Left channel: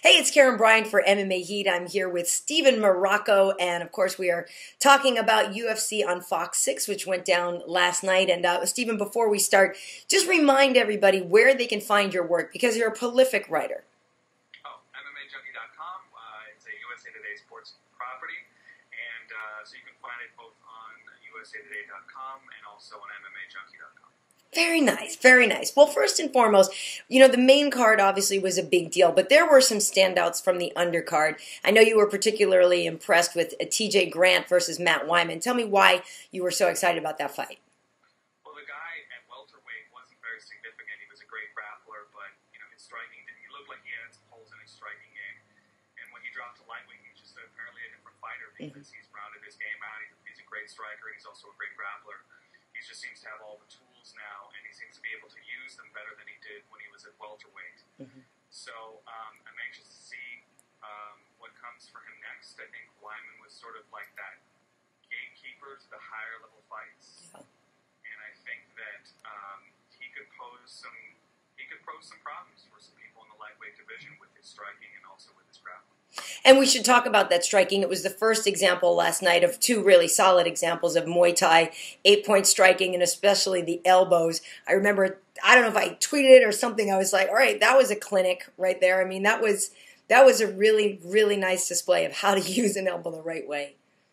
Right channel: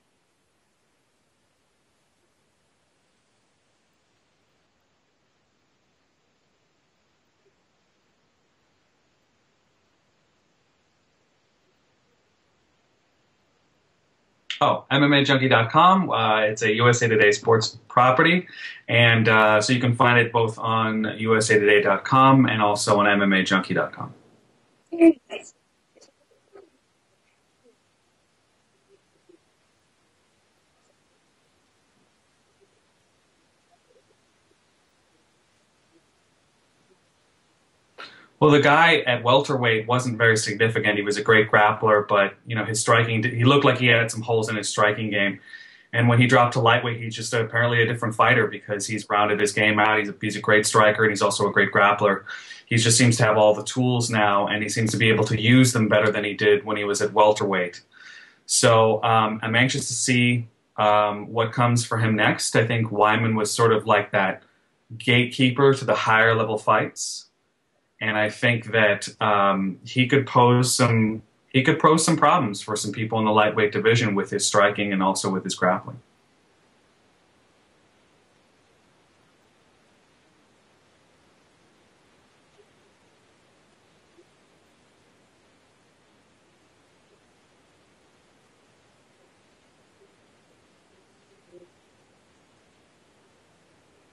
Hey, it's Karyn Bryant for MMA Heat. I'm here with Steven Marrocco, and of course, we are talking about UFC on Fox 6, which went down last night. And Steven, before we start, just remind everybody where they can find your work because you're a prolific writer. Oh, MMAJunkie.com. It's a USA Today sports property, and so you can find it both on USAToday.com and also on MMAJunkie.com. Very nice, very nice. Well, first and foremost, the main card obviously was a big deal, but there were some standouts from the undercard. I know you were particularly impressed with TJ Grant versus Matt Wiman. Tell me why you were so excited about that fight. Well, the guy at welterweight wasn't very significant. He was a great grappler, but his striking, he looked like he had some holes in his striking game. And when he dropped to lightweight, he's just apparently a different fighter because he's rounded his game out. He's a great striker, and he's also a great grappler. He just seems to have all the tools now, and he seems to be able to use them better than he did when he was at welterweight. So I'm anxious to see what comes for him next. I think Wiman was sort of like that gatekeeper to the higher level fights, and I think that he could pose some problems for some people in the lightweight division with his striking and also with his grappling. And we should talk about that striking. It was the first example last night of two really solid examples of Muay Thai 8-point striking, and especially the elbows. I remember, I don't know if I tweeted it or something, I was like, all right, that was a clinic right there. I mean, that was a really, really nice display of how to use an elbow the right way.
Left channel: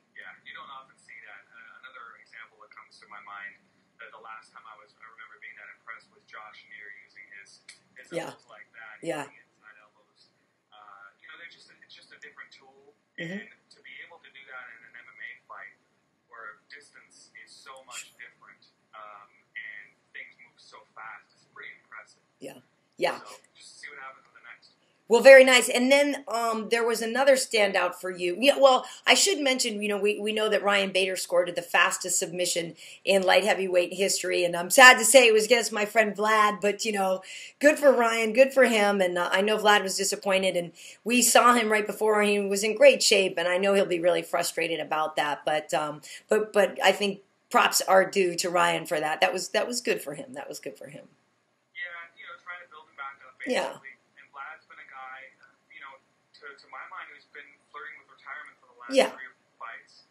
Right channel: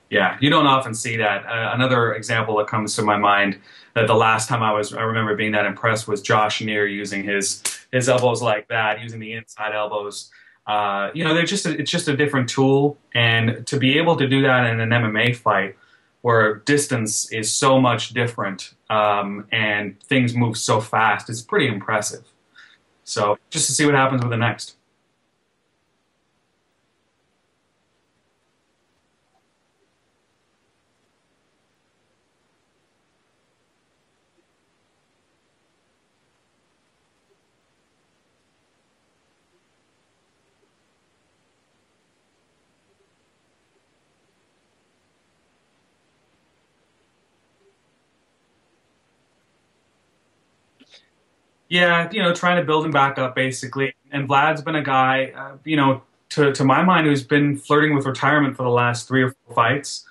Yeah, you don't often see that. Another example that comes to my mind that the last time I remember being that impressed was Josh Neer using his elbows like that, using the inside elbows. It's just a different tool, and to be able to do that in an MMA fight where distance is so much different and things move so fast, it's pretty impressive. Yeah. So just to see what happens with the next. Well, very nice. And then there was another standout for you. Yeah, well, I should mention, we know that Ryan Bader scored the fastest submission in light heavyweight history. And I'm sad to say it was against my friend Vlad, but, good for Ryan, good for him. And I know Vlad was disappointed. And we saw him right before, and he was in great shape. And I know he'll be really frustrated about that. But I think props are due to Ryan for that. That was good for him. That was good for him. Yeah, trying to build him back up, basically. Yeah. And Vlad's been a guy, to my mind, who's been flirting with retirement for the last 3 or 4 fights.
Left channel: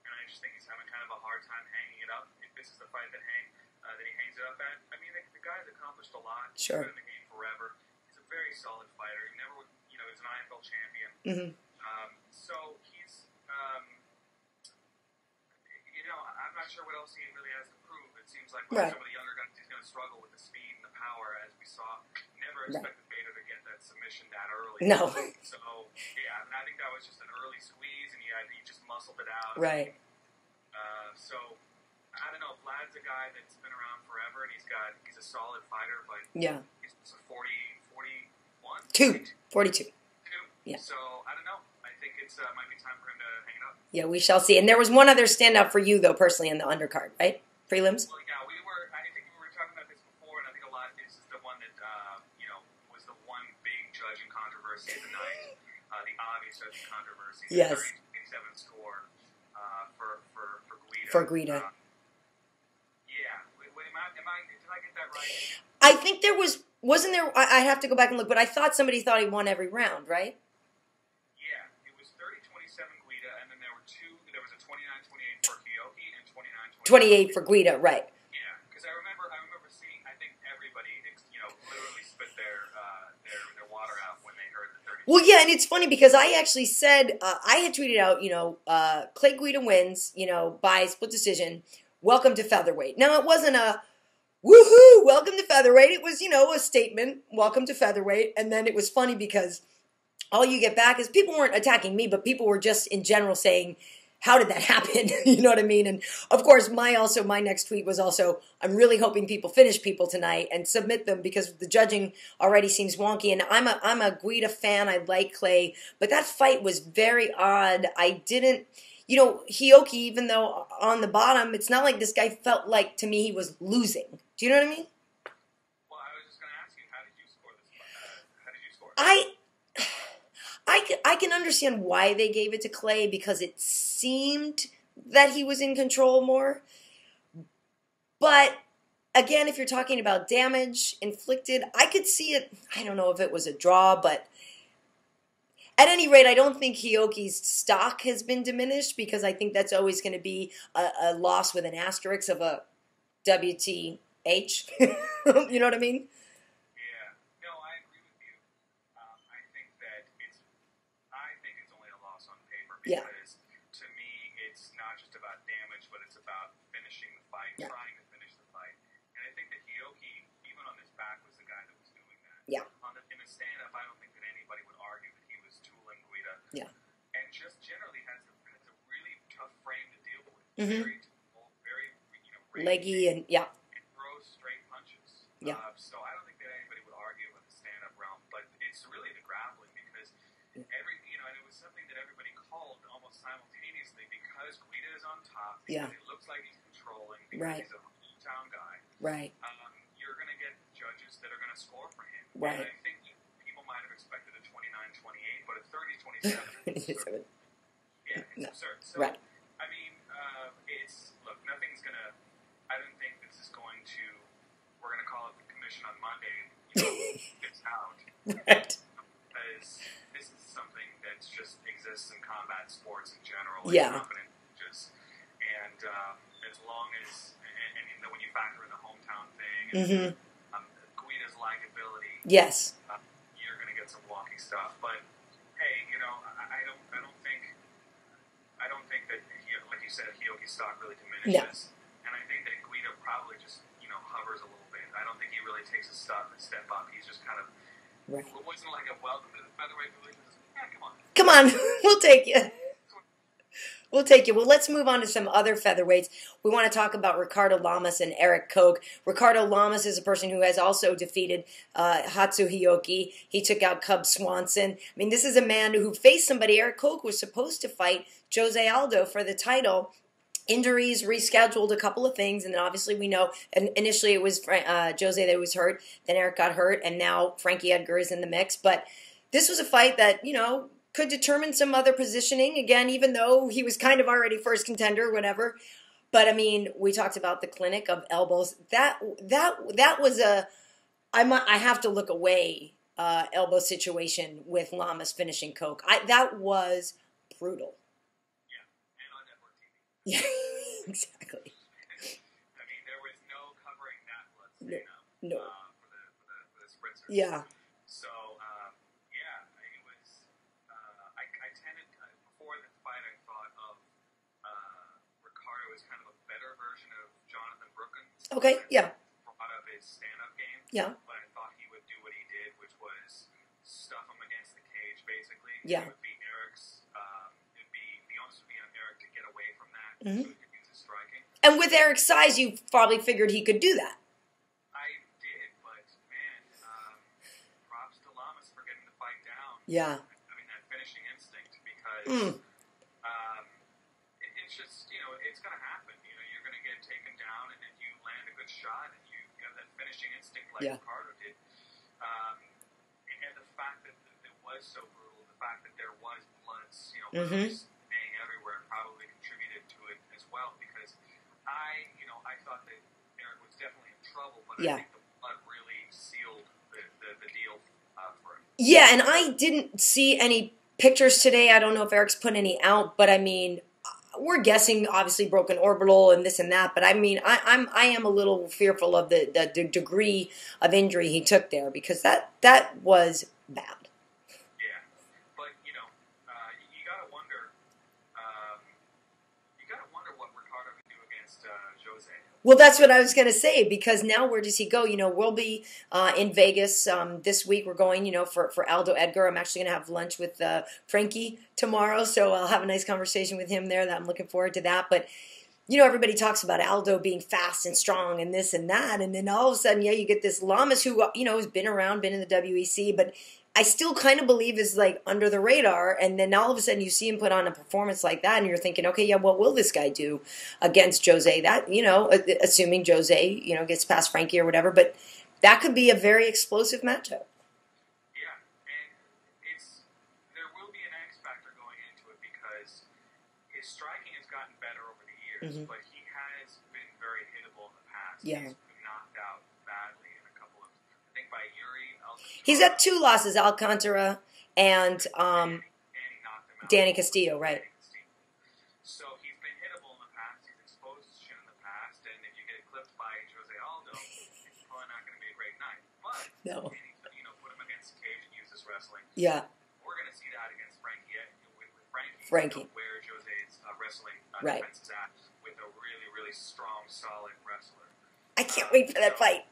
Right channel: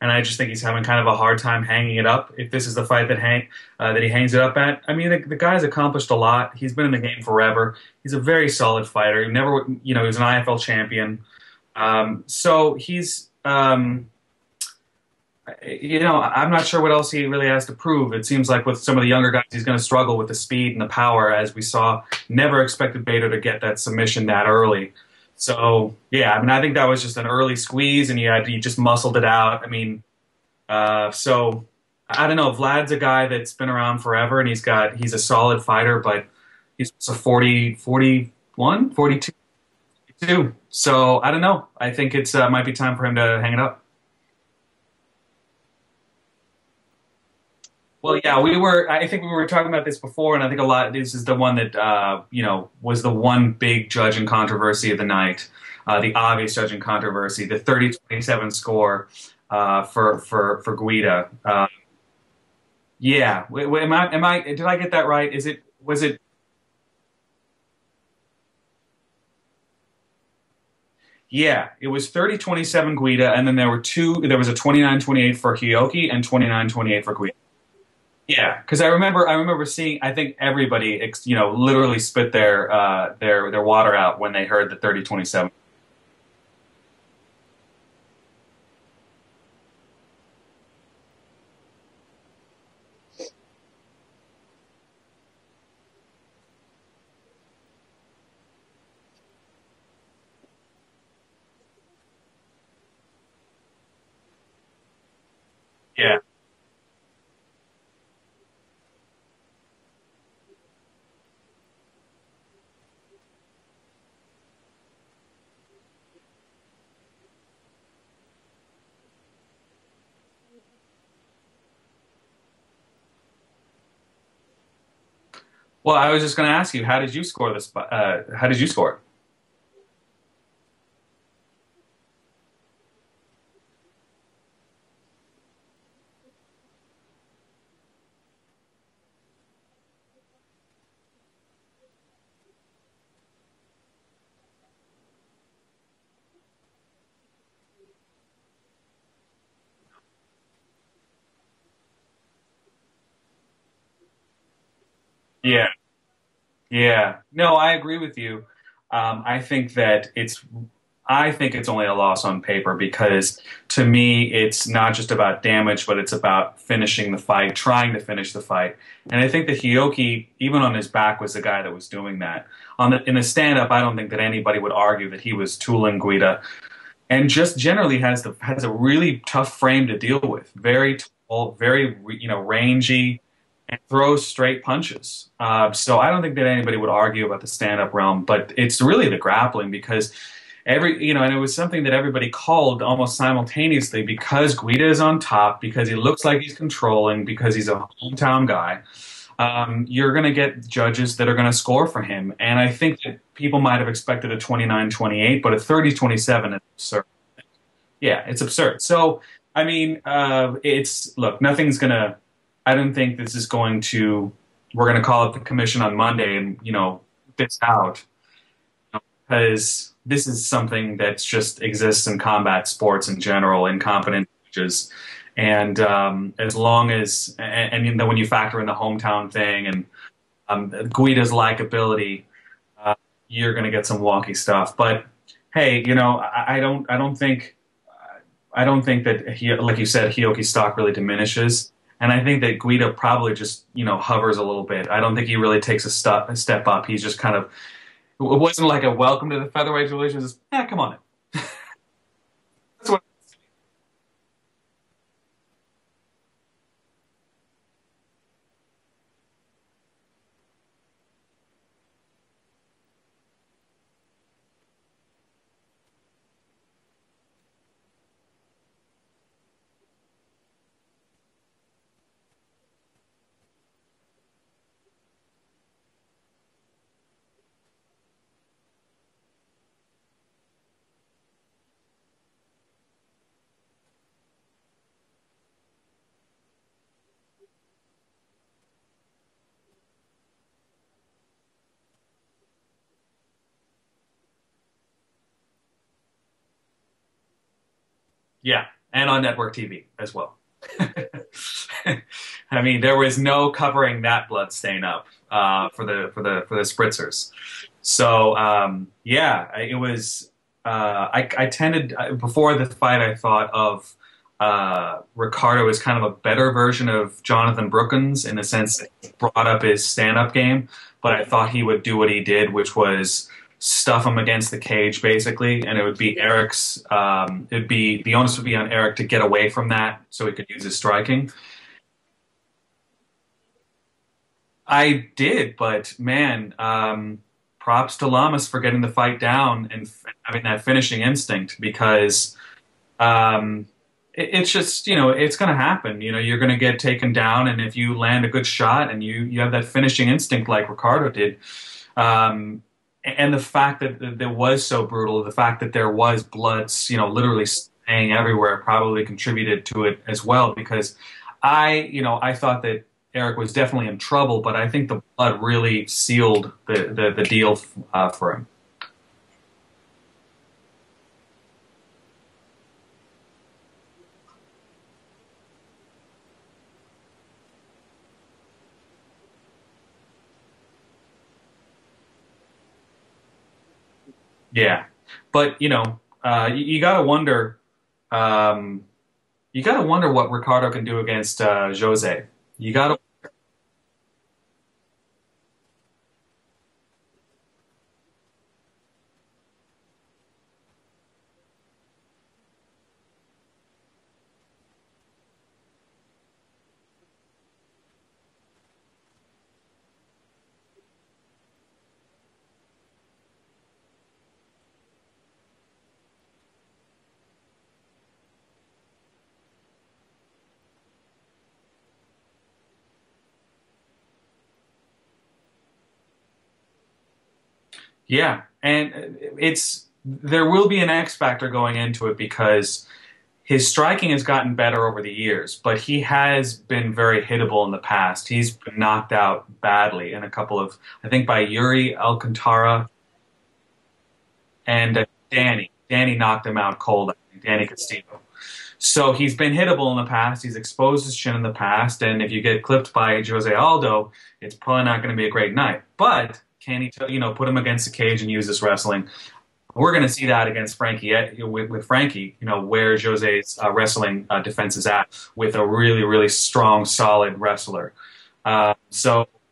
And I just think he's having kind of a hard time hanging it up. If this is the fight that he hangs it up at, I mean, the guy's accomplished a lot. He's been in the game forever. He's a very solid fighter. He never, he was an IFL champion. So he's, I'm not sure what else he really has to prove. It seems like with some of the younger guys, he's going to struggle with the speed and the power, as we saw. Never expected Bader to get that submission that early. No. So, yeah, I mean, I think that was just an early squeeze, and he just muscled it out. Right. I mean, so, I don't know. Vlad's a guy that's been around forever, and he's a solid fighter, but he's a 41, 42. 42. Yeah. So, I don't know. I think it's might be time for him to hang it up. Yeah, we shall see. And there was one other standout for you, though, personally, in the undercard, right? Prelims? Well, yeah, I think we were talking about this before, and I think this is the one that, was the one big judging controversy of the night, the obvious judging controversy, the 30-27 score for Guida. Did I get that right? I think there wasn't there, I have to go back and look, but I thought somebody thought he won every round, right? Yeah, it was 30-27 Guida, and then there was a 29-28 for Hioki and 29-28 for Guida, right. Yeah, because I remember seeing, I think everybody, literally spit their water out when they heard the 30-27. Well, yeah, and it's funny because I actually said, I had tweeted out, Clay Guida wins, by split decision, welcome to featherweight. Now, it wasn't a woohoo, welcome to featherweight. It was, a statement, welcome to featherweight, and then it was funny because all you get back is people weren't attacking me, but people were just in general saying, how did that happen? You know what I mean? And of course, my next tweet was also, I'm really hoping people finish people tonight and submit them because the judging already seems wonky. And I'm a Guida fan. I like Clay, but that fight was very odd. I didn't, Hioki, even though on the bottom, it's not like this guy felt like, to me, he was losing. Do you know what I mean? Well, I was just going to ask you, how did you score this? How did you score? I can understand why they gave it to Clay because it seemed that he was in control more. But again, if you're talking about damage inflicted, I could see it. I don't know if it was a draw, but At any rate, I don't think Hioki's stock has been diminished because I think that's always going to be a loss with an asterisk of a WTH. You know what I mean? Yeah. No, I agree with you. I think it's only a loss on paper because to me, it's not just about damage, but it's about finishing the fight, trying to finish the fight. And I think that Hioki, even on his back, was the guy that was doing that. Yeah. In the stand-up, I don't think that anybody would argue that he was tooling Guida. Yeah. And just generally has a really tough frame to deal with. Mm-hmm. Very tall, very rangy. Yeah. And throws straight punches. So I don't think that anybody would argue about the stand-up realm, but it's really the grappling because and it was something that everybody called almost simultaneously because Guida is on top, because he looks like he's controlling, because he's a hometown guy. Right. You're going to get judges that are going to score for him. And I think that people might have expected a 29-28, but a 30-27 is absurd. Yeah, it's absurd. So, I mean, nothing's going to... I don't think this is going to... We're going to call up the commission on Monday and, this out. Right. Because this is something that just exists in combat sports in general, in competent judges. And as long as... And then when you factor in the hometown thing and Guida's likability... Yes. You're going to get some wonky stuff. But, hey, I don't think that, like you said, Hioki's stock really diminishes. Yeah. And I think that Guida probably just, hovers a little bit. I don't think he really takes a step up. He's just kind of, it wasn't like a welcome to the featherweight division. It's come on. Come on, we'll take you. We'll take you. Well, let's move on to some other featherweights. We want to talk about Ricardo Lamas and Erik Koch. Ricardo Lamas is a person who has also defeated Hatsu Hioki. He took out Cub Swanson. I mean, this is a man who faced somebody. Erik Koch was supposed to fight Jose Aldo for the title. Injuries, rescheduled a couple of things, and then obviously we know initially it was Jose that was hurt, then Erik got hurt, and now Frankie Edgar is in the mix. But this was a fight that, could determine some other positioning, again, even though he was kind of already first contender, whatever. But, I mean, we talked about the clinic of elbows. That was I have to look away elbow situation with Lamas finishing Koch. That was brutal. Yeah. And on network TV as well. I mean, there was no covering that blood stain up for the spritzers. Yeah. So it was. I tended before the fight. I thought of Ricardo as kind of a better version of Jonathan Brookins in the sense brought up his stand-up game. Yeah. But I thought he would do what he did, which was stuff him against the cage, basically, and it would be Erik's. The onus would be on Erik to get away from that, so he could use his striking. And with Erik's size, you probably figured he could do that. I did, but man, props to Lamas for getting the fight down and having that finishing instinct because it's just it's going to happen. You're going to get taken down, and if you land a good shot and you have that finishing instinct like Ricardo did. And the fact that it was so brutal, the fact that there was blood, literally staying everywhere probably contributed to it as well because I thought that Erik was definitely in trouble, but I think the blood really sealed the deal for him. Yeah, and I didn't see any pictures today. I don't know if Erik's put any out, but I mean, we're guessing obviously broken orbital and this and that, but I mean, I am a little fearful of the degree of injury he took there because that was bad. Yeah, but you gotta wonder. You gotta wonder what Ricardo can do against Jose. Well, that's what I was gonna say because now where does he go? We'll be in Vegas this week. We're going, for Aldo Edgar. I'm actually gonna have lunch with Frankie tomorrow, so I'll have a nice conversation with him there. That I'm looking forward to that. But everybody talks about Aldo being fast and strong and this and that, and then all of a sudden, you get this Lamas who has been around, been in the WEC, but I still kind of believe is like under the radar, and then all of a sudden you see him put on a performance like that, and you're thinking, okay, what will this guy do against Jose? That assuming Jose gets past Frankie or whatever, but that could be a very explosive matchup. Yeah, and there will be an X factor going into it because his striking has gotten better over the years, but he has been very hittable in the past. Yeah. He's been knocked out badly in a couple of, I think by Yuri Alcantara. He's had 2 losses, Alcantara and Danny. Danny knocked him out cold. Castillo, right? Danny Castillo. So he's been hittable in the past. He's exposed his chin in the past. And if you get clipped by Jose Aldo, it's probably not going to be a great night. But can he, put him against the cage and use this wrestling? Yeah. We're going to see that against Frankie, with Frankie, where Jose's wrestling defense is at, with a really, really strong, solid wrestler. I can't wait for that fight.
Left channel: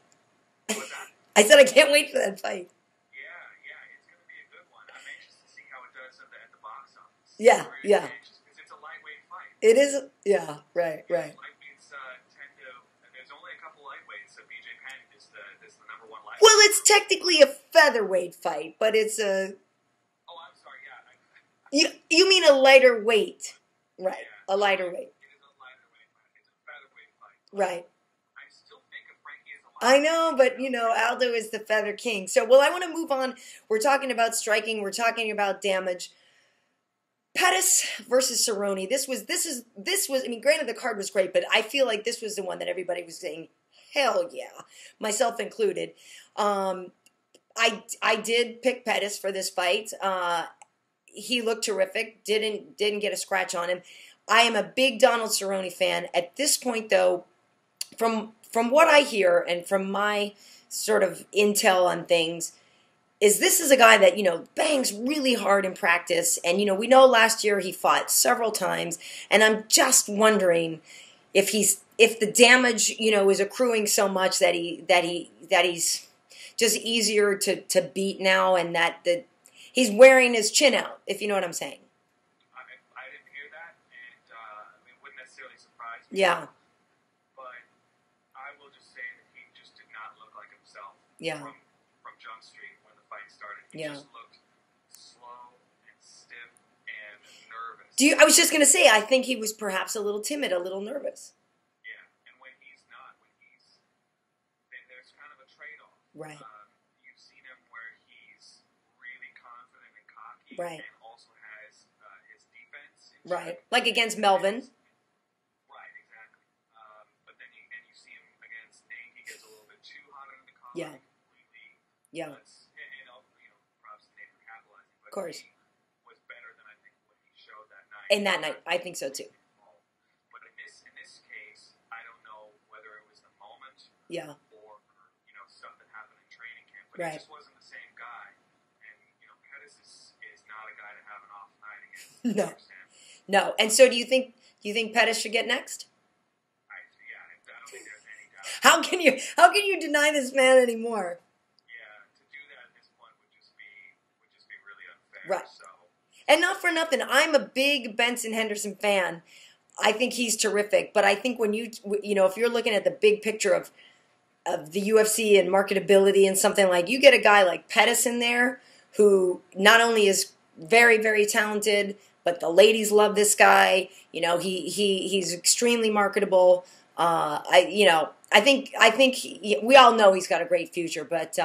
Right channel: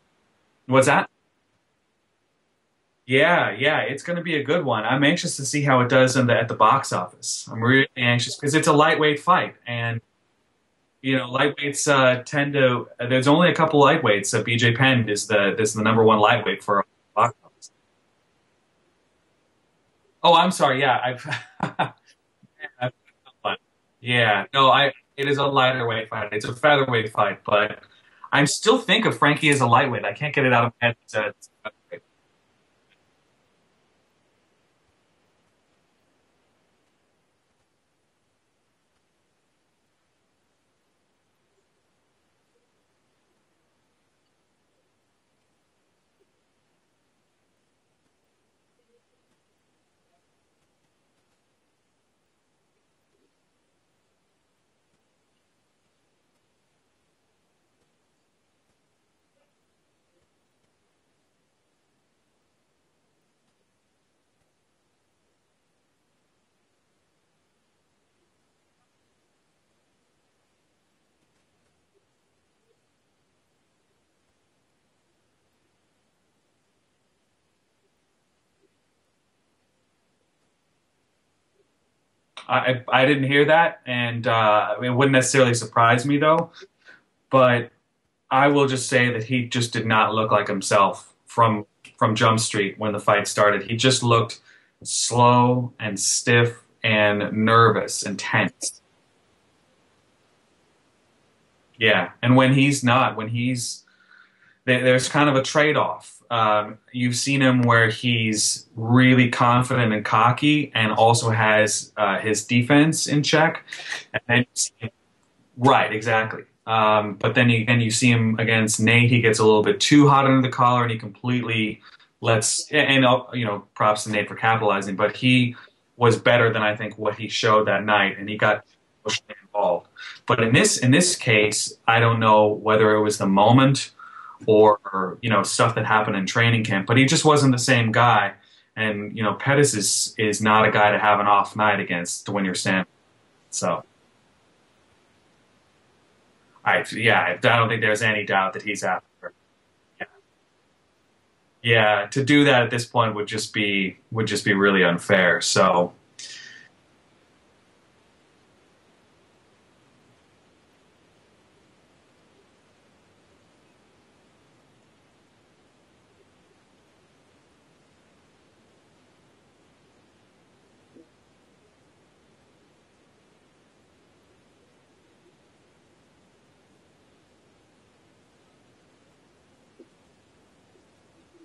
What's that? I said I can't wait for that fight. Yeah, it's going to be a good one. I'm anxious to see how it does at the box office. Yeah, I'm really anxious because it's a lightweight fight. It is. Yeah, right. Lightweights tend to. There's only a couple lightweights. BJ Penn is the number one lightweight. Well, it's technically a featherweight fight, but it's a. Oh, I'm sorry. Yeah, you mean a lighter weight? Right? Yeah, it is a lighter weight fight. It's a featherweight fight, but I still think of Frankie as a lightweight. I can't get it out of my head. Aldo is the feather king. So, I want to move on. We're talking about striking. We're talking about damage. Pettis versus Cerrone. This was. I mean, granted, the card was great, but I feel like this was the one that everybody was saying, "Hell yeah," myself included. I did pick Pettis for this fight. He looked terrific. Didn't get a scratch on him. I am a big Donald Cerrone fan. At this point, though, from what I hear and from my sort of intel on things, this is a guy that, bangs really hard in practice. And, we know last year he fought several times. And I'm just wondering if the damage, is accruing so much that he's just easier to beat now, and that he's wearing his chin out, if you know what I'm saying. I didn't hear that, and it wouldn't necessarily surprise me, though. But I will just say that he just did not look like himself from Jump Street when the fight started. He just looked slow and stiff and nervous. I was just going to say, I think he was perhaps a little timid, a little nervous. Yeah, and when he's not, there's kind of a trade-off. Right. You've seen him where he's really confident and cocky, and also has his defense in check. Like against Melvin. Right, exactly. But then you see him against Nate. He gets a little bit too hot under the collar, and he completely lets. And props to Nate for capitalizing. But he was better than I think what he showed that night. And I think so too. Involved. But in this case, I don't know whether it was the moment. Or stuff that happened in training camp, but he just wasn't the same guy. And Pettis is not a guy to have an off night against to win your stand. No, and so do you think Pettis should get next? I don't think there's any doubt that how can you deny this man anymore? Yeah, to do that at this point would just be really unfair. Right. So, and not for nothing, I'm a big Benson Henderson fan. I think he's terrific, but I think when if you're looking at the big picture of the UFC and marketability and something, like, you get a guy like Pettis in there who not only is very, very talented, but the ladies love this guy. He's extremely marketable. I think we all know he's got a great future, but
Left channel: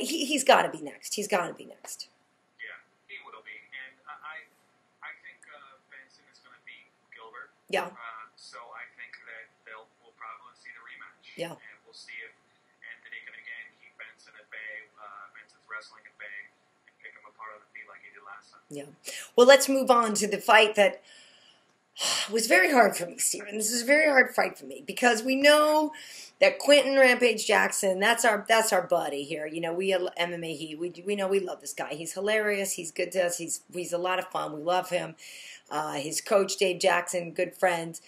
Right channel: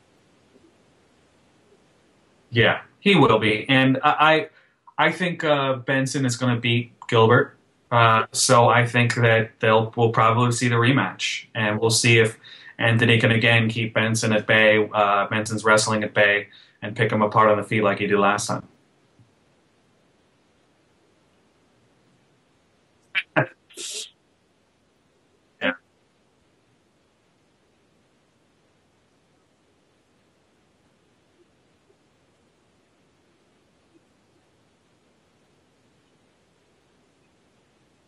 he's got to be next. He's got to be next. Yeah, he will be, and I think Benson is going to beat Gilbert. Yeah. So I think that we'll probably see the rematch, and we'll see if Anthony can again keep Benson at bay, Benson's wrestling at bay, and pick him apart on the feet like he did last time. Yeah. Well, let's move on to the fight that was very hard for me, Steven. This is a very hard fight for me because we know that Quinton Rampage Jackson, that's our buddy here. We at MMA H.E.A.T, we know we love this guy. He's hilarious. He's good to us. He's a lot of fun. We love him. His coach, Dave Jackson, good friends.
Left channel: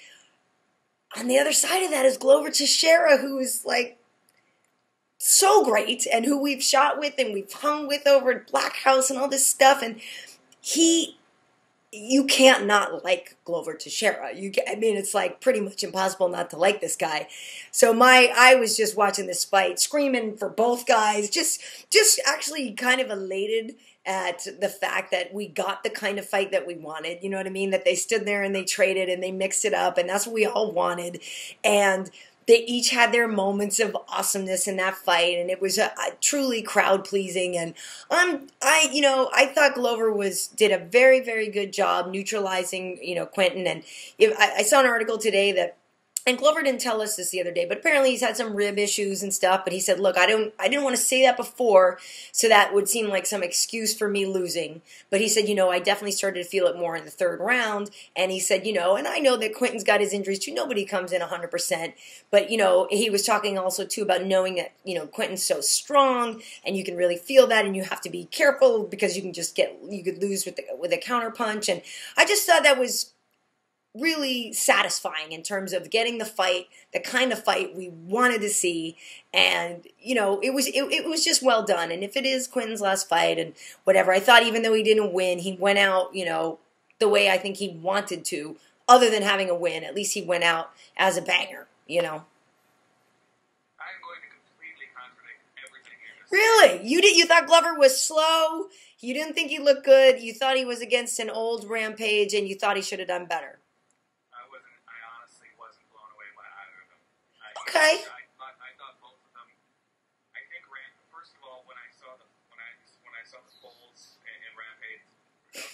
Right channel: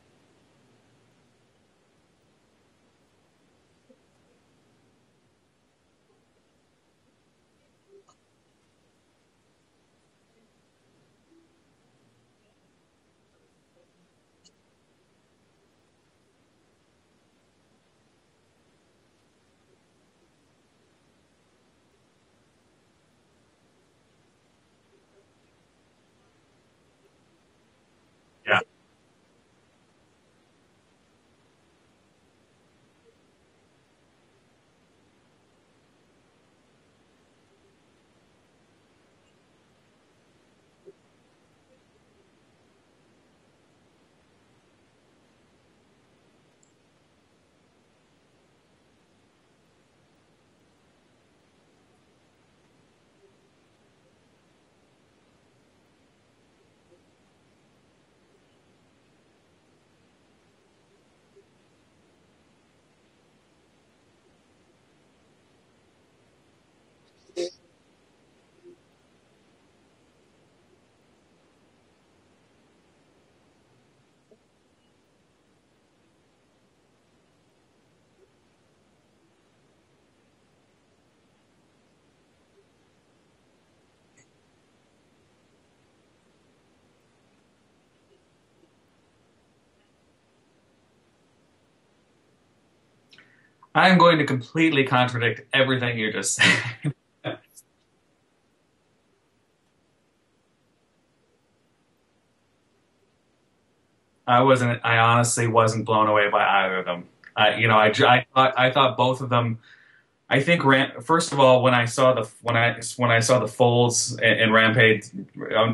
On the other side of that is Glover Teixeira, who is like so great and who we've shot with and we've hung with over at Black House and all this stuff. And you can't not like Glover Teixeira. It's like pretty much impossible not to like this guy. So I was just watching this fight, screaming for both guys, just actually kind of elated at the fact that we got the kind of fight that we wanted. You know what I mean? That they stood there and they traded and they mixed it up, and that's what we all wanted. And they each had their moments of awesomeness in that fight, and it was a truly crowd pleasing. And I thought Glover did a very, very good job neutralizing Quinton. And I saw an article today that And Glover didn't tell us this the other day, but apparently he's had some rib issues and stuff. But he said, "Look, I didn't want to say that before, so that would seem like some excuse for me losing." But he said, I definitely started to feel it more in the third round. And he said, and I know that Quinton's got his injuries too. Nobody comes in 100%. But he was talking also too about knowing that Quinton's so strong, and you can really feel that, and you have to be careful because you could lose with a counter punch. And I just thought that was really satisfying in terms of getting the fight, the kind of fight we wanted to see, and it was just well done. And if it is Quinton's last fight and whatever, I thought even though he didn't win, he went out the way I think he wanted to. Other than having a win, at least he went out as a banger. I'm going to completely contradict everything you just said. Really? You thought Glover was slow? You didn't think he looked good? You thought he was against an old Rampage, and you thought he should have done better? I honestly wasn't blown away by either of them. Okay. I thought both of them. I think first of all, when I saw the folds in Rampage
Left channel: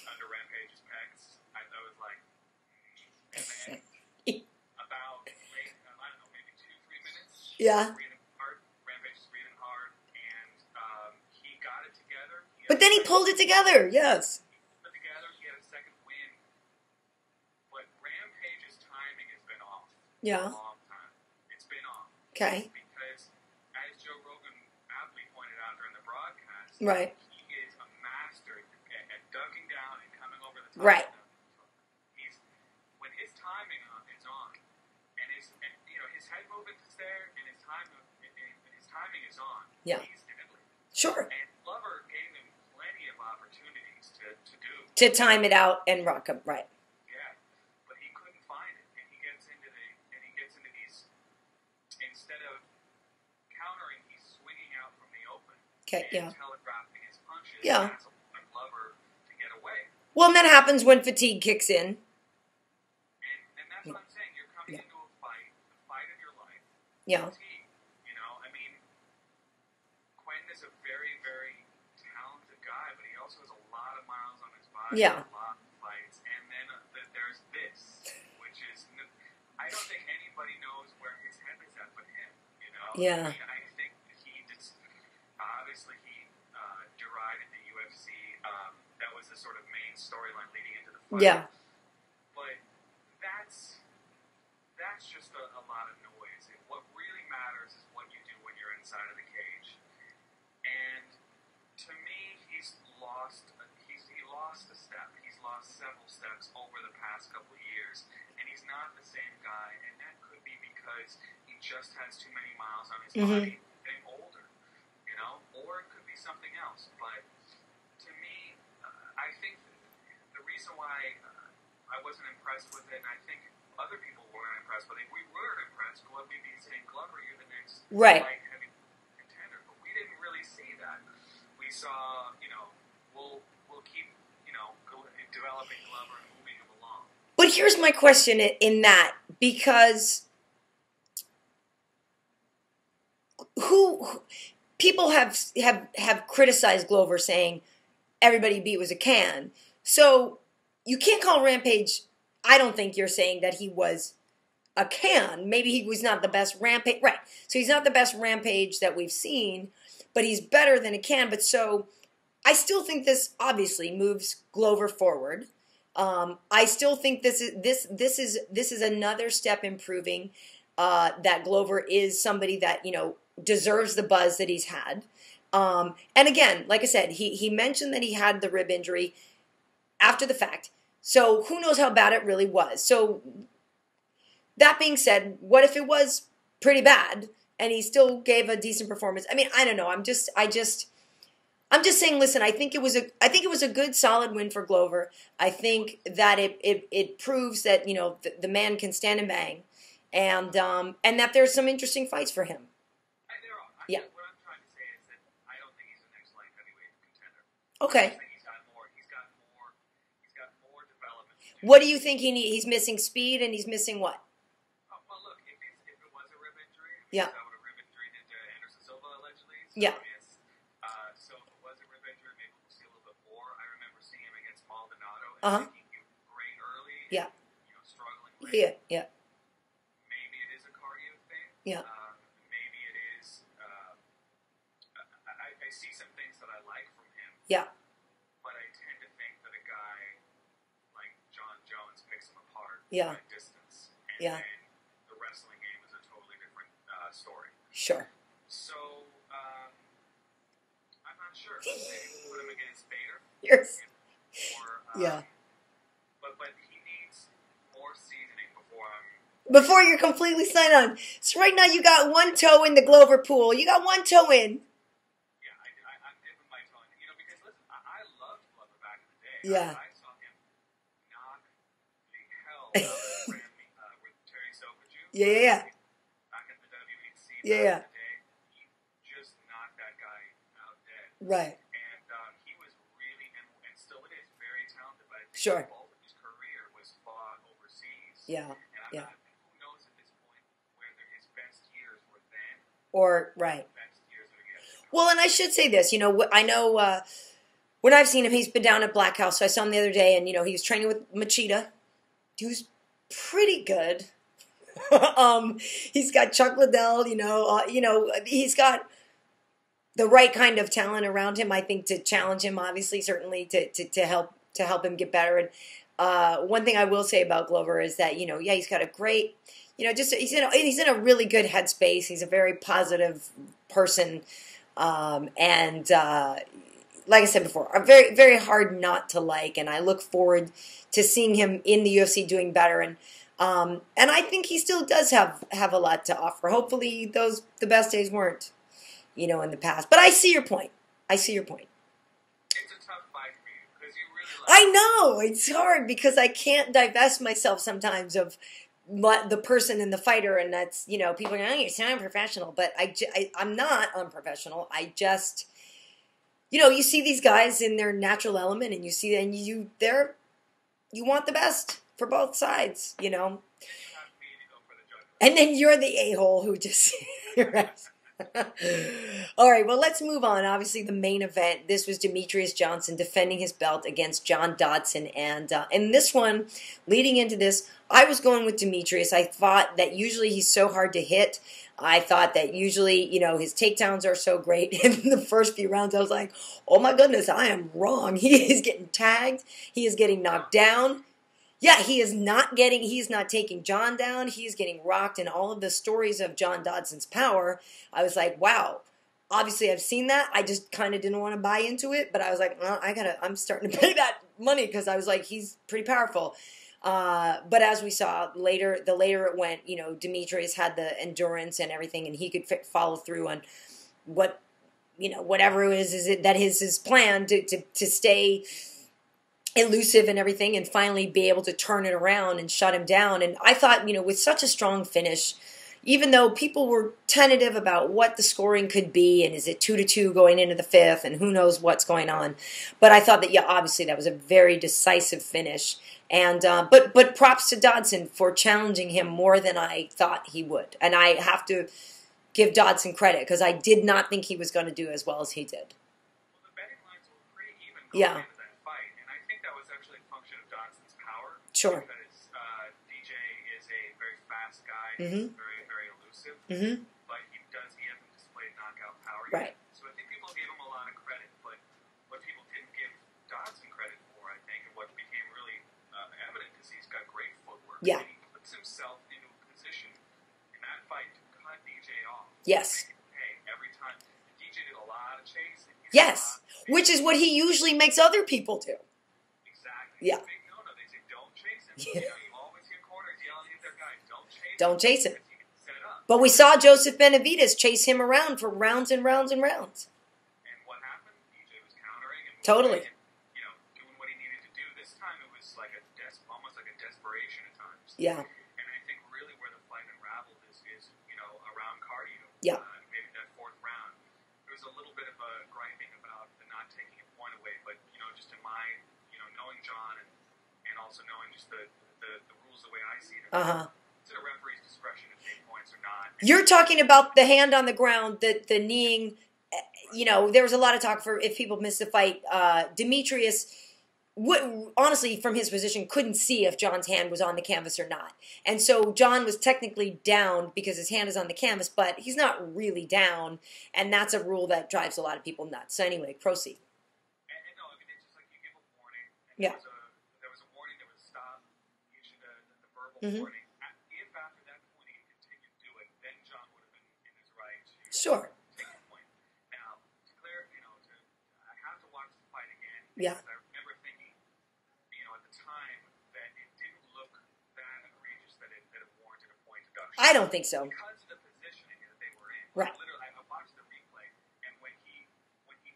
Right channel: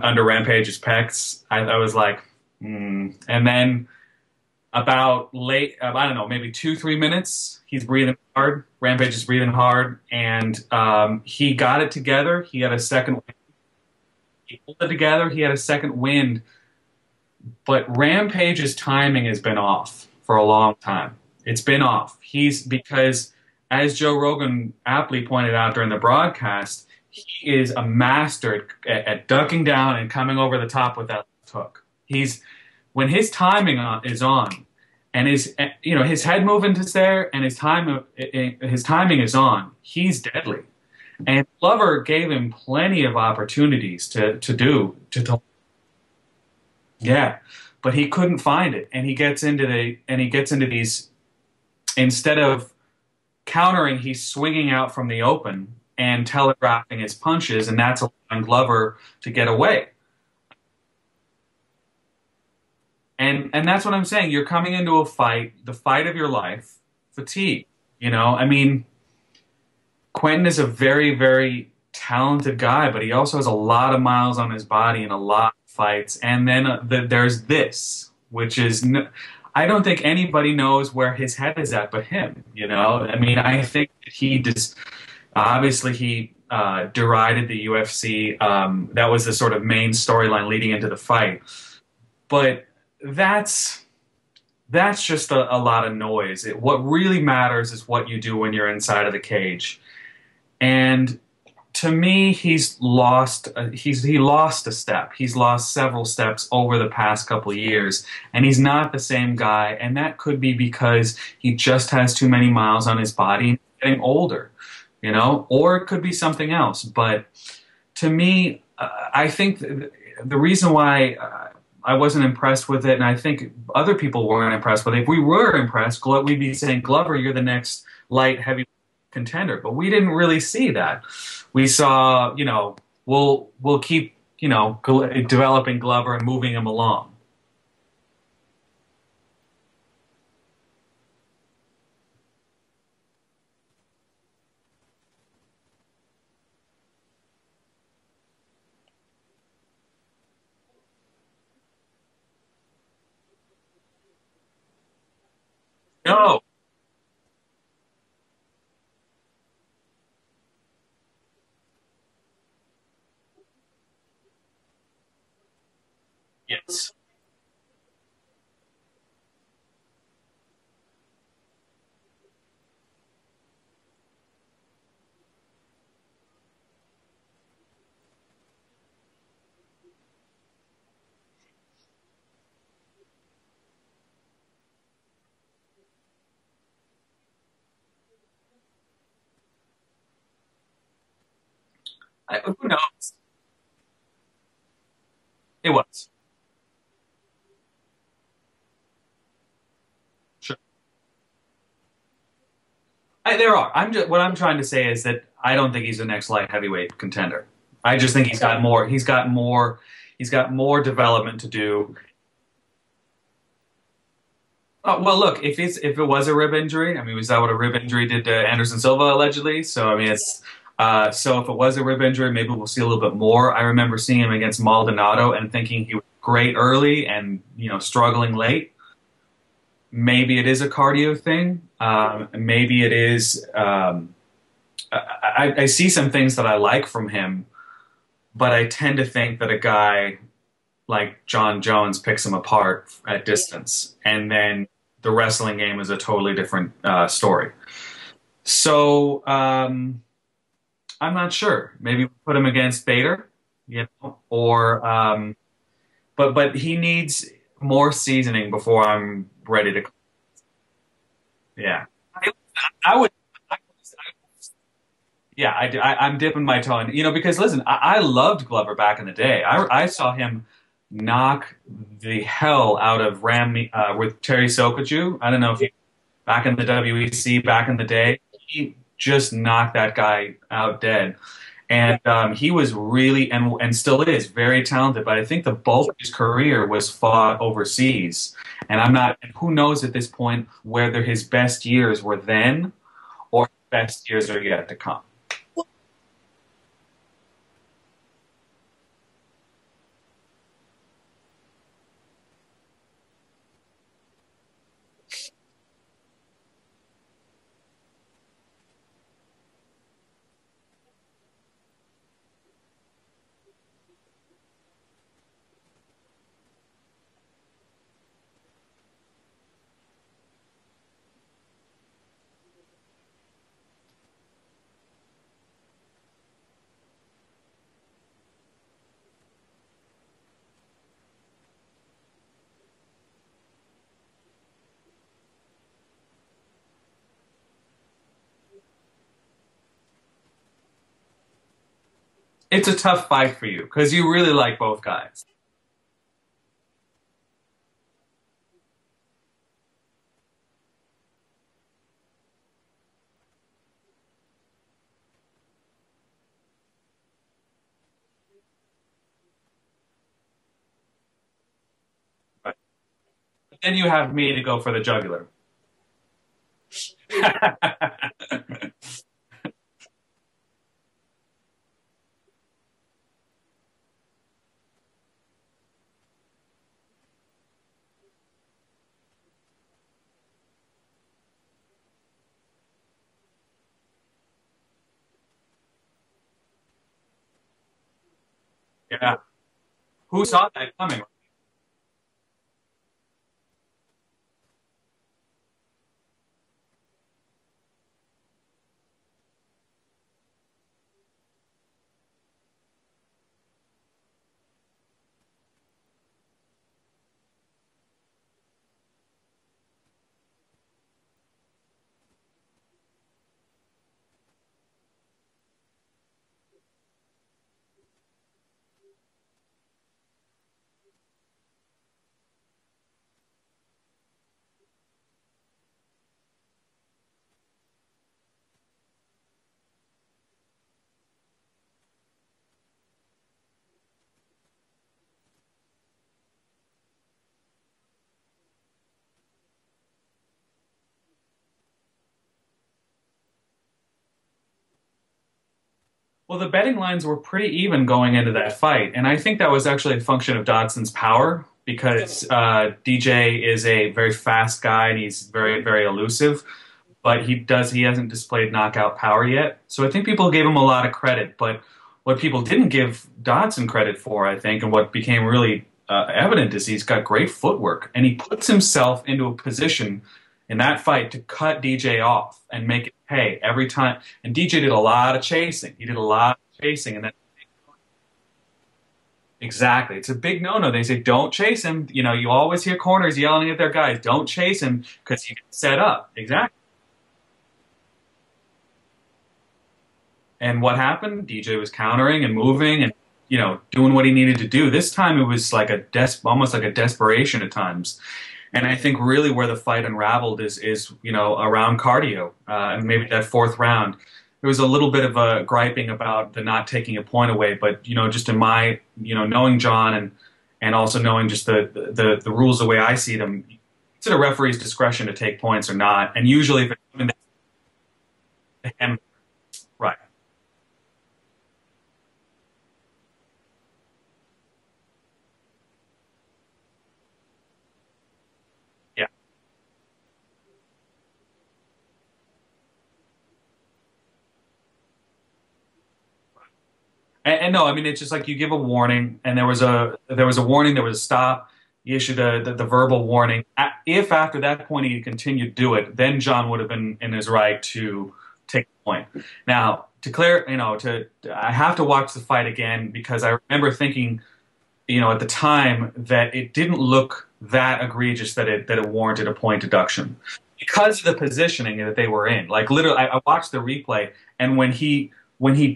under Rampage's pecs, I was like, And then about late, I don't know, maybe 2-3 minutes. Yeah. He's breathing hard. Rampage is breathing hard, and he got it together. He pulled it together. Yes. He pulled it together. He had a second wind. But Rampage's timing has been off for a long time. It's been off. Because, as Joe Rogan aptly pointed out during the broadcast, he is a master at ducking down and coming over the top with that hook. When his timing is on, and his head movement is there, and his timing is on, he's deadly. Sure. And Glover gave him plenty of opportunities to time it out and rock him, right? Yeah, but he couldn't find it, and he gets into these. Instead of countering, he's swinging out from the open and telegraphing his punches, and that's allowing Glover to get away. Well, and that happens when fatigue kicks in. And that's what I'm saying. You're coming into a fight, the fight of your life, fatigue. I mean, Quinton is a very, very talented guy, but he also has a lot of miles on his body and a lot of fights. And then there's this, which is, I don't think anybody knows where his head is at but him, I mean, I think he just, obviously he derided the UFC. That was the sort of main storyline leading into the fight. Yeah. But that's just a lot of noise. What really matters is what you do when you're inside of the cage. And to me, he's lost a step. He's lost several steps over the past couple of years, and he's not the same guy. And that could be because he just has too many miles on his body and getting older, or it could be something else. But to me, I think the reason why I wasn't impressed with it, and I think other people weren't impressed with it. If we were impressed, we'd be saying, Glover, you're the next light heavy contender. But we didn't really see that. We saw, we'll keep, developing Glover and moving him along. But here's my question in that, because people have criticized Glover, saying everybody beat was a can. So you can't call Rampage. I don't think you're saying that he was a can. Maybe he was not the best Rampage. Right. So he's not the best Rampage that we've seen, but he's better than a can. But so I still think this obviously moves Glover forward. Yes. I still think this is another step in proving that Glover is somebody that deserves the buzz that he's had. And again, like I said, he mentioned that he had the rib injury after the fact. So who knows how bad it really was. So that being said, what if it was pretty bad and he still gave a decent performance? I mean, I don't know. I'm just saying, listen, I think it was a good solid win for Glover. I think that it proves that, the man can stand and bang, and and that there's some interesting fights for him. There are. What I'm trying to say is that I don't think he's the next light heavyweight contender. Okay. I just think he's got more development to do. What do you think he's missing? Speed, and he's missing what? Well, look, if it was a rib injury, I mean, was that what a rib injury did to Anderson Silva allegedly? So I mean, it's so if it was a rib injury, maybe we'll see a little bit more. I remember seeing him against Maldonado and thinking he was great early and struggling late. Yeah. maybe it is a cardio thing. Yeah. Maybe it is. I see some things that I like from him. Yeah. But I tend to think that a guy like John Jones picks him apart at distance, and then the wrestling game is a totally different story. Sure. So I'm not sure. Maybe put him against Bader, you know, or but he needs more seasoning before I'm ready. Before you're completely signed on. So right now you got one toe in the Glover pool. You got one toe in. Yeah, I'm dipping my toe in. You know, because listen, I loved Glover back in the day. I saw him knock the hell out of with Terry Sokoju. Yeah, I don't know if he, back in the WEC, back in the day, he just knocked that guy out dead. Right. And he was really, and still is, very talented. But I think the bulk of his career was fought overseas. Yeah. And who knows at this point whether his best years were then or best years are yet to come. Well, and I should say this, you know, I know when I've seen him, he's been down at Black House. So I saw him the other day, and, you know, he was training with Machida. He was pretty good. He's got Chuck Liddell, you know, he's got the right kind of talent around him, I think, to challenge him, obviously, certainly to help him get better. And one thing I will say about Glover is that, you know, he's got a great, you know, just he's in a really good headspace. He's a very positive person, and like I said before, very very hard not to like. And I look forward to seeing him in the UFC doing better. And I think he still does have a lot to offer. Hopefully, the best days weren't, you know, in the past. But I see your point. It's a tough fight for you because you really like. I know it's hard because I can't divest myself sometimes of the person and the fighter, and that's, you know, people are going, oh, you sound unprofessional, but I'm not unprofessional. I just, you know, you see these guys in their natural element, and you see, and you want the best for both sides, you know. Then you have me to go for the jugular. And then you're the a-hole who just... All right, well, let's move on. Obviously, the main event, this was Demetrious Johnson defending his belt against John Dodson. And in this one, leading into this, I was going with Demetrious. I thought that usually he's so hard to hit. I thought that usually, you know, his takedowns are so great. In the first few rounds, I was like, oh my goodness, I am wrong. He is getting tagged. He is getting knocked down. Yeah, he's not taking John down. He's getting rocked. And all of the stories of John Dodson's power, I was like, wow. Obviously, I've seen that. I just kind of didn't want to buy into it. But I was like, well, I'm starting to pay that money because I was like, he's pretty powerful. But as we saw later, the later it went, you know, Demetrius had the endurance and everything, and he could follow through on what, you know, whatever it is that is his plan to stay elusive and everything, and finally be able to turn it around and shut him down. And I thought, you know, with such a strong finish, even though people were tentative about what the scoring could be, and is it 2-2 going into the fifth, and who knows what's going on, but I thought that, yeah, obviously that was a very decisive finish. And but props to Dodson for challenging him more than I thought he would. And I have to give Dodson credit because I did not think he was going to do as well as he did. Well, the betting lines were pretty even going into that fight. And I think that was actually a function of Dodson's power because DJ is a very fast guy and he's very, very elusive. But he hasn't displayed knockout power yet. So I think people gave him a lot of credit. But what people didn't give Dodson credit for, I think, and what became really evident is he's got great footwork. And he puts himself into a position in that fight to cut DJ off and make it pay every time. And DJ did a lot of chasing. He did a lot of chasing. Which is what he usually makes other people do. Exactly. It's a big no-no. They say, don't chase him. You know, you always hear corners yelling at their guys, don't chase him. Because you get set up. But we saw Joseph Benavidez chase him around for rounds and rounds and rounds. And what happened? DJ was countering and moving and, you know, doing what he needed to do. This time it was like almost like a desperation at times. Yeah. And I think really where the fight unraveled is you know, around cardio. And maybe that fourth round. There was a little bit of a griping about the not taking a point away. But, you know, just in my, you know, knowing John and also knowing just the rules the way I see them, it's at a referee's discretion to take points or not. And you're talking about the hand on the ground, the kneeing. You know, there was a lot of talk for if people missed the fight. Demetrius honestly, from his position, couldn't see if John's hand was on the canvas or not. And so John was technically down because his hand is on the canvas, but he's not really down, and that's a rule that drives a lot of people nuts. So anyway, proceed. And no, I mean, it's just like you give a warning, and there was a warning, there was a stop. You issued the verbal warning. If after that point he continued to do it, then John would have been in his right to take the point. Now, I have to watch the fight again because I remember thinking, at the time that it didn't look that egregious that it warranted a point deduction. I don't think so. Because of the positioning that they were in. Like literally, I watched the replay, and when he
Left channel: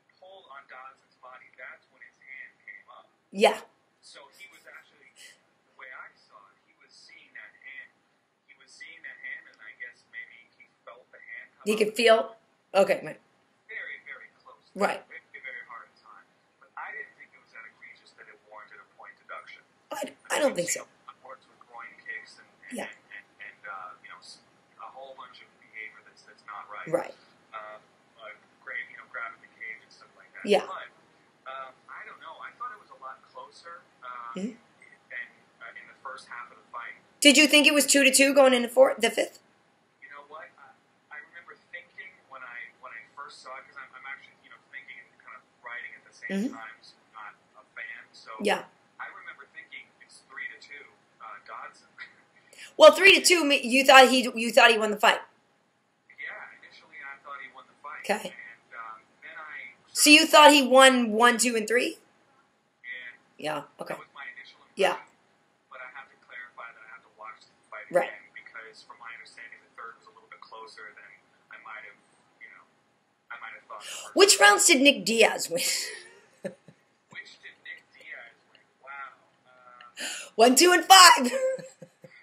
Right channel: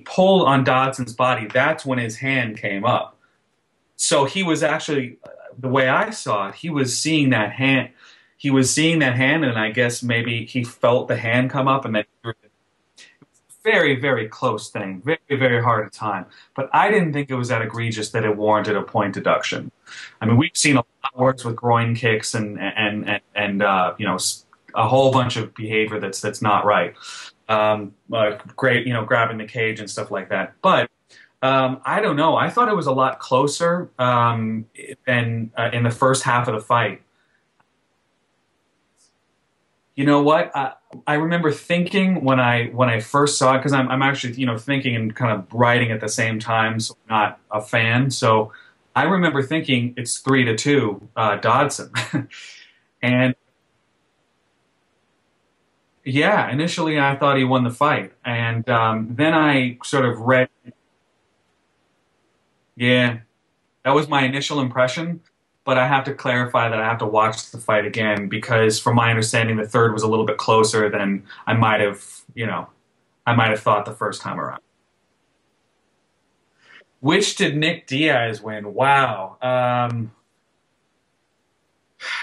pulled on Dodson's body, that's when his hand came up. Yeah. So he was actually, the way I saw it, he was seeing that hand. He was seeing that hand, and I guess maybe he felt the hand come up. And feel? Okay. Right. Very, very close thing. Right. Very, very hard to time. But I didn't think it was that egregious that it warranted a point deduction. I mean, we've seen a lot of works with groin kicks and a whole bunch of behavior that's not right. Great, grabbing the cage and stuff like that. Yeah. But I don't know. I thought it was a lot closer than in the first half of the fight. Did you think it was 2-2 going into the fifth? You know what? I remember thinking when I first saw it, because I'm actually thinking and kind of writing at the same time, so I'm not a fan. So I remember thinking it's 3-2 Dodson. Well, 3-2. You thought he won the fight. Yeah, initially I thought he won the fight, and then I sort of. So you thought he won 1, 2, and 3? Yeah. Yeah. Okay. That was my initial impression. Yeah. But I have to clarify that I have to watch the fight again because, from my understanding, the third was a little bit closer than I might have, thought the first. Which rounds did Nick Diaz win? Which did Nick Diaz win? Wow. 1, 2, and 5.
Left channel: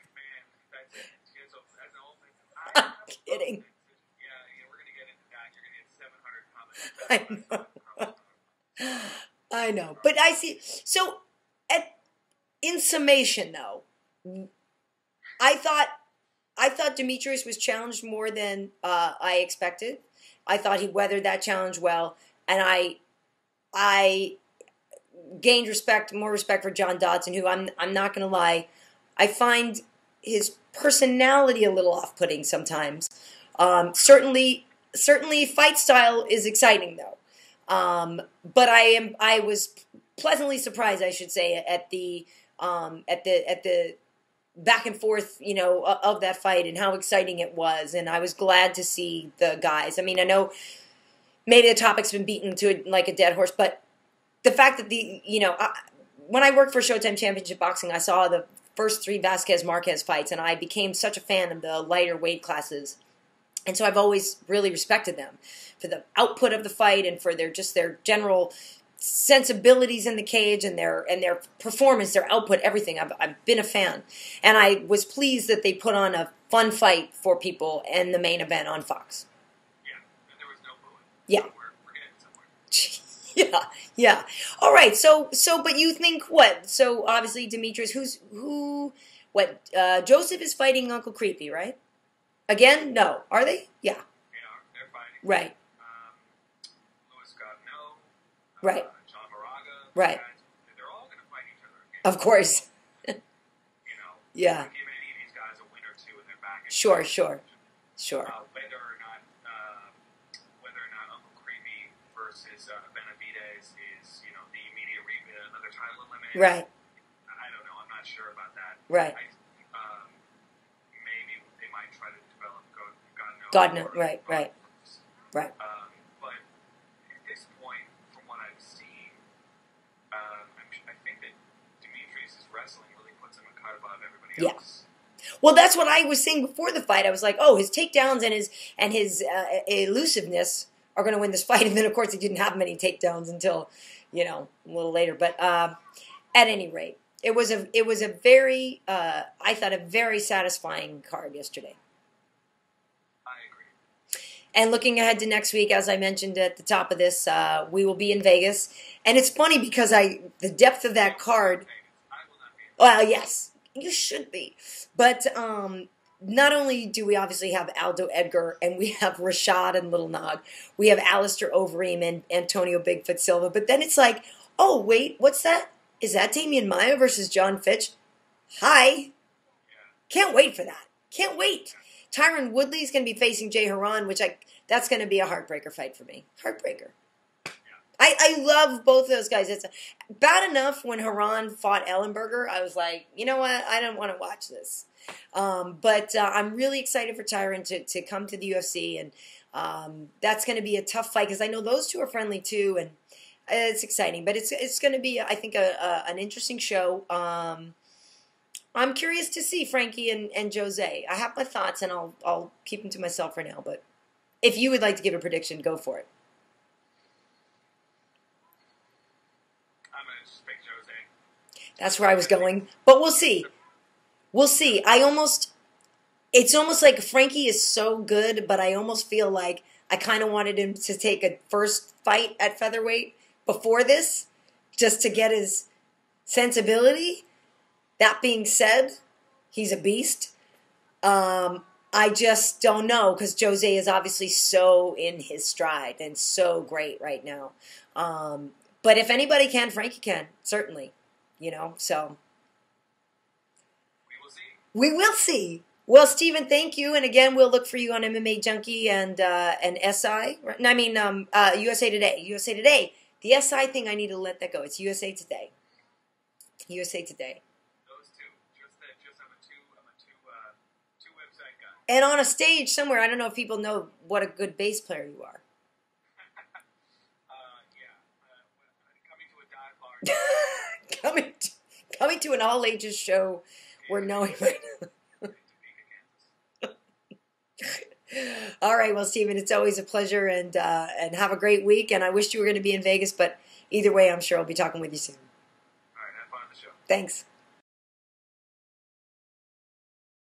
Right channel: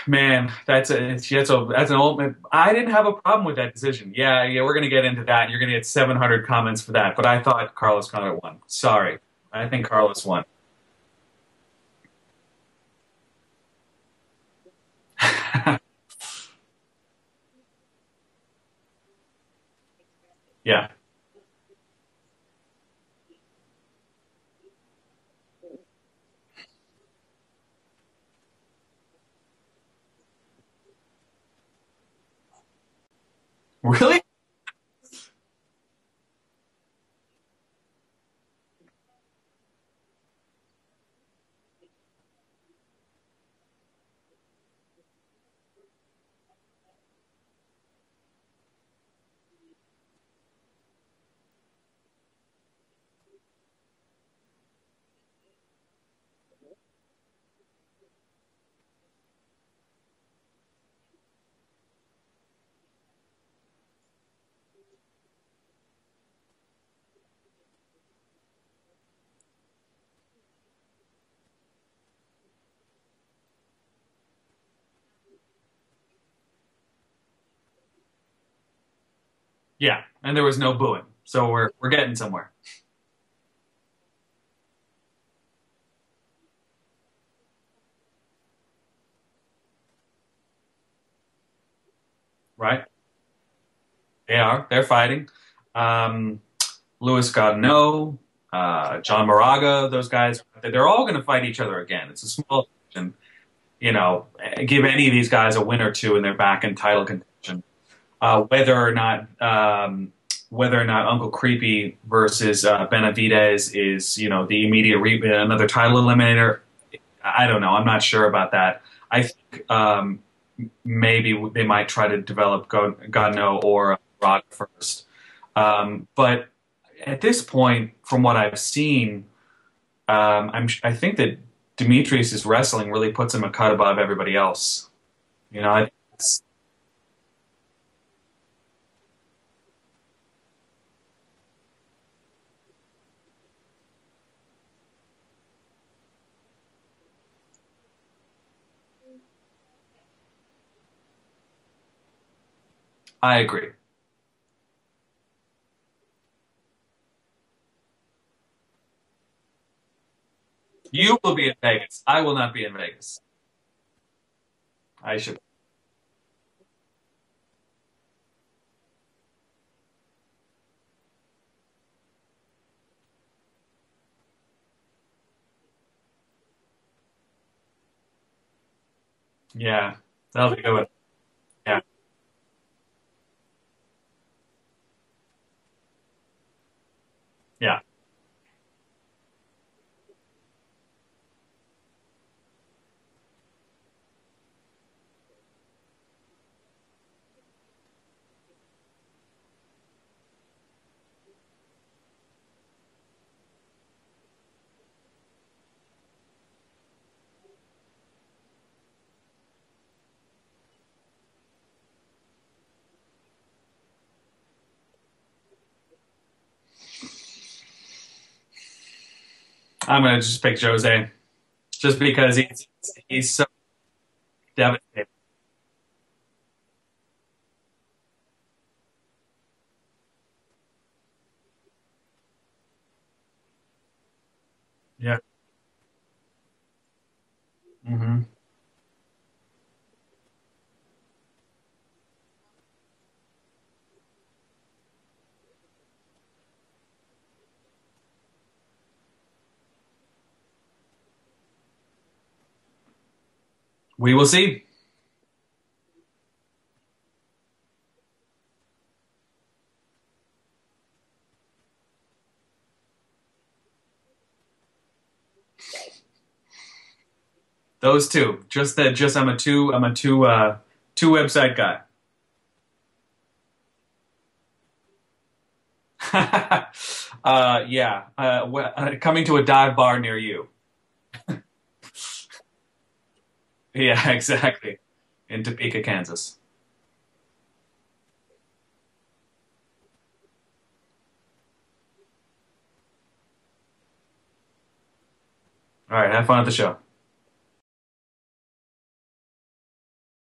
Man, that's an old. I didn't have a problem with that decision. Yeah, we're gonna get into that. You're gonna get 700 comments for that. But I thought Carlos Condit won. Sorry, I think Carlos won. So. In summation, though, I thought Demetrius was challenged more than I expected. I thought he weathered that challenge well, and I gained more respect for John Dodson, who I'm not going to lie, I find his personality a little off-putting sometimes. Really? Certainly, fight style is exciting though. But I was pleasantly surprised, I should say, at the back and forth, of that fight and how exciting it was. And I was glad to see the guys. I mean, I know maybe the topic's been beaten to like a dead horse, but the fact that when I worked for Showtime Championship Boxing, I saw the first 3 Vasquez-Marquez fights, and I became such a fan of the lighter weight classes. And so I've always really respected them for the output of the fight and for their general sensibilities in the cage and their performance, their output, everything. I've been a fan, and I was pleased that they put on a fun fight for people in the main event on Fox. Yeah, and there was no booing, so we're getting somewhere. Yeah. All right. So, but you think what? So obviously Demetrius, Joseph is fighting Uncle Creepy, right? Again? Right. No, are they? Yeah, they are. They're fighting. Right. Louis Gaudinot. John Moraga, those guys, they're all going to fight each other again. Of course. And, give any of these guys a win or two and they're back in title contention. Sure. Whether or not Uncle Creepy versus Benavidez is, the immediate another title eliminator. Right. I don't know. I'm not sure about that. Right. I think maybe they might try to develop Gaudinot or Rock first. Right. But at this point, from what I've seen, I think that Demetrius' wrestling really puts him a cut above everybody else. Well, that's what I was saying before the fight. I was like, oh, his takedowns and his elusiveness are going to win this fight. And then, of course, he didn't have many takedowns until, a little later. But at any rate, it was a very, I thought, a very satisfying card yesterday. I agree. And looking ahead to next week, as I mentioned at the top of this, we will be in Vegas. And it's funny because the depth of that card... You will be in Vegas. I will not be in Vegas. Well, yes. You should be. But not only do we obviously have Aldo Edgar, and we have Rashad and Little Nog, we have Alistair Overeem and Antonio Bigfoot Silva, but then it's like, oh, wait, what's that? Is that Damian Maia versus John Fitch? Hi. Yeah. Can't wait for that. Can't wait. Yeah. Tyron Woodley's going to be facing Jay Haran, that's going to be a heartbreaker fight for me. Heartbreaker. Yeah. I love both of those guys. It's bad enough when Haran fought Ellenberger. I was like, you know what? I don't want to watch this. But I'm really excited for Tyron to come to the UFC, and that's going to be a tough fight because I know those two are friendly too, and it's exciting. But it's going to be, I think, an interesting show. I'm curious to see Frankie and Jose. I have my thoughts, and I'll keep them to myself for now. But if you would like to give a prediction, go for it. I'm going to just pick Jose. Just because but we'll see. We'll see. It's almost like Frankie is so good, but I almost feel like I kind of wanted him to take a first fight at featherweight before this, just to get his sensibility. Mm-hmm. That being said, he's a beast. I just don't know because Jose is obviously so in his stride and so great right now. But if anybody can, Frankie can, certainly. So. We will see. We will see. Well, Steven, thank you. And again, we'll look for you on MMA Junkie and SI. I mean, USA Today. USA Today. The SI thing, I need to let that go. It's USA Today. USA Today. Those two. I'm a two website guy. And on a stage somewhere, I don't know if people know what a good bass player you are. Coming to a dive bar near you. coming to an all ages show. Yeah, exactly. In Topeka, Kansas. All right, well, Steven, it's always a pleasure, and have a great week. And I wish you were going to be in Vegas, but either way, I'm sure I'll be talking with you soon. All right, have fun at the show. Thanks.